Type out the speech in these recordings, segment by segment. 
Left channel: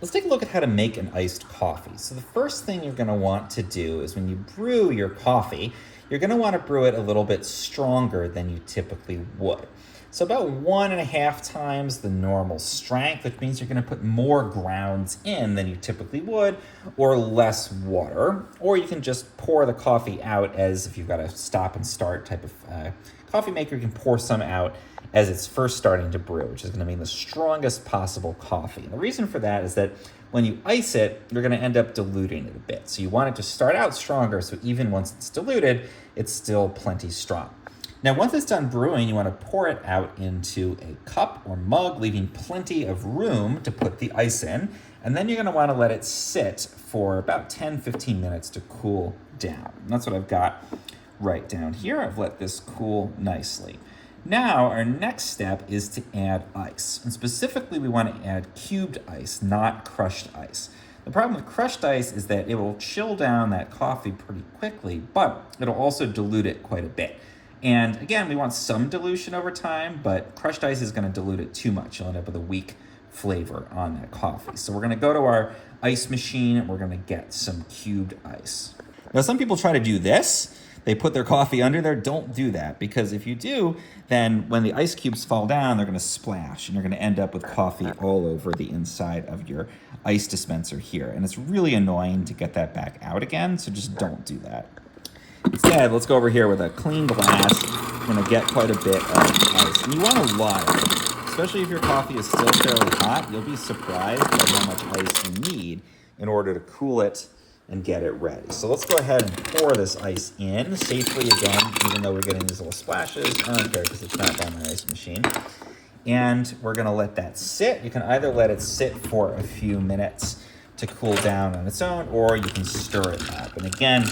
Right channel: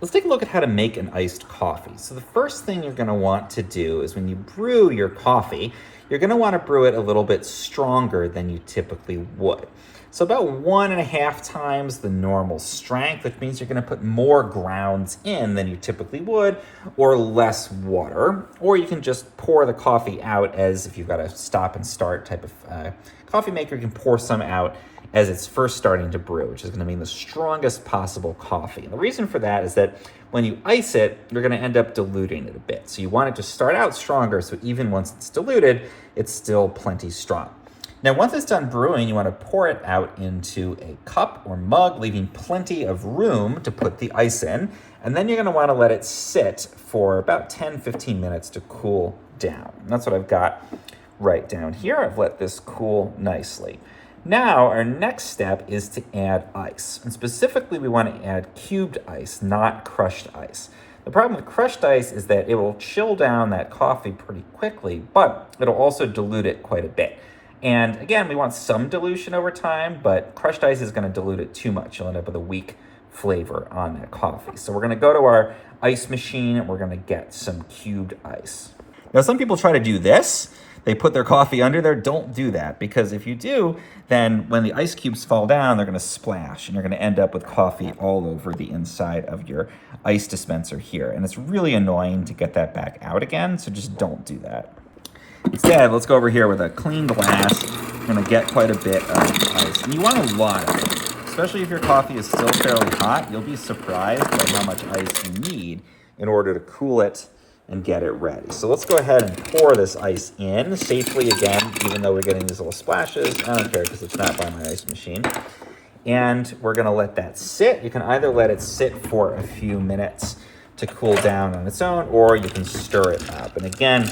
Let's take a look at how to make an iced coffee. So the first thing you're gonna want to do is when you brew your coffee, you're gonna wanna brew it a little bit stronger than you typically would. So about 1.5 times the normal strength, which means you're gonna put more grounds in than you typically would, or less water. Or you can just pour the coffee out as if you've got a stop and start type of coffee maker, you can pour some out as it's first starting to brew, which is gonna mean the strongest possible coffee. And the reason for that is that when you ice it, you're gonna end up diluting it a bit. So you want it to start out stronger, so even once it's diluted, it's still plenty strong. Now, once it's done brewing, you wanna pour it out into a cup or mug, leaving plenty of room to put the ice in. And then you're gonna wanna let it sit for about 10-15 minutes to cool down. And that's what I've got right down here. I've let this cool nicely. Now, our next step is to add ice. And specifically, we want to add cubed ice, not crushed ice. The problem with crushed ice is that it will chill down that coffee pretty quickly, but it'll also dilute it quite a bit. And again, we want some dilution over time, but crushed ice is going to dilute it too much. You'll end up with a weak flavor on that coffee. So we're going to go to our ice machine and we're going to get some cubed ice. Now, some people try to do this. They put their coffee under there. Don't do that, because if you do, then when the ice cubes fall down, they're gonna splash and you're gonna end up with coffee all over the inside of your ice dispenser here. And it's really annoying to get that back out again, so just don't do that. Instead, let's go over here with a clean glass. We're gonna get quite a bit of ice. And you want a lot of it, especially if your coffee is still fairly hot. You'll be surprised at how much ice you need in order to cool it and get it ready. So let's go ahead and pour this ice in safely again, even though we're getting these little splashes. I don't care because it's not by my ice machine. And we're gonna let that sit. You can either let it sit for a few minutes to cool down on its own, or you can stir it up. And again,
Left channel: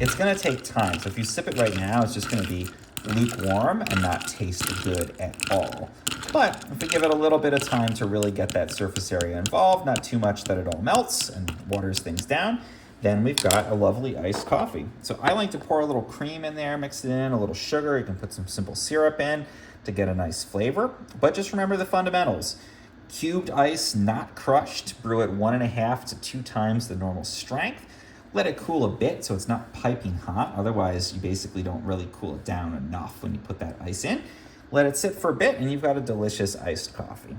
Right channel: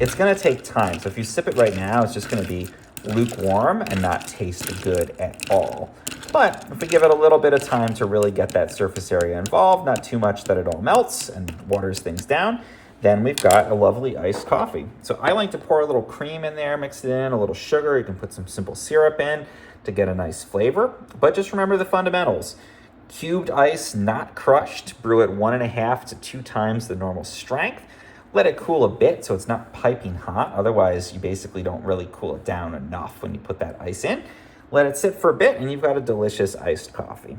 it's gonna take time. So if you sip it right now, it's just gonna be lukewarm and not taste good at all. But if we give it a little bit of time to really get that surface area involved, not too much that it all melts and waters things down, then we've got a lovely iced coffee. So I like to pour a little cream in there, mix it in, a little sugar. You can put some simple syrup in to get a nice flavor. But just remember the fundamentals. Cubed ice, not crushed. Brew it 1.5 to 2 times the normal strength. Let it cool a bit so it's not piping hot. Otherwise, you basically don't really cool it down enough when you put that ice in. Let it sit for a bit and you've got a delicious iced coffee.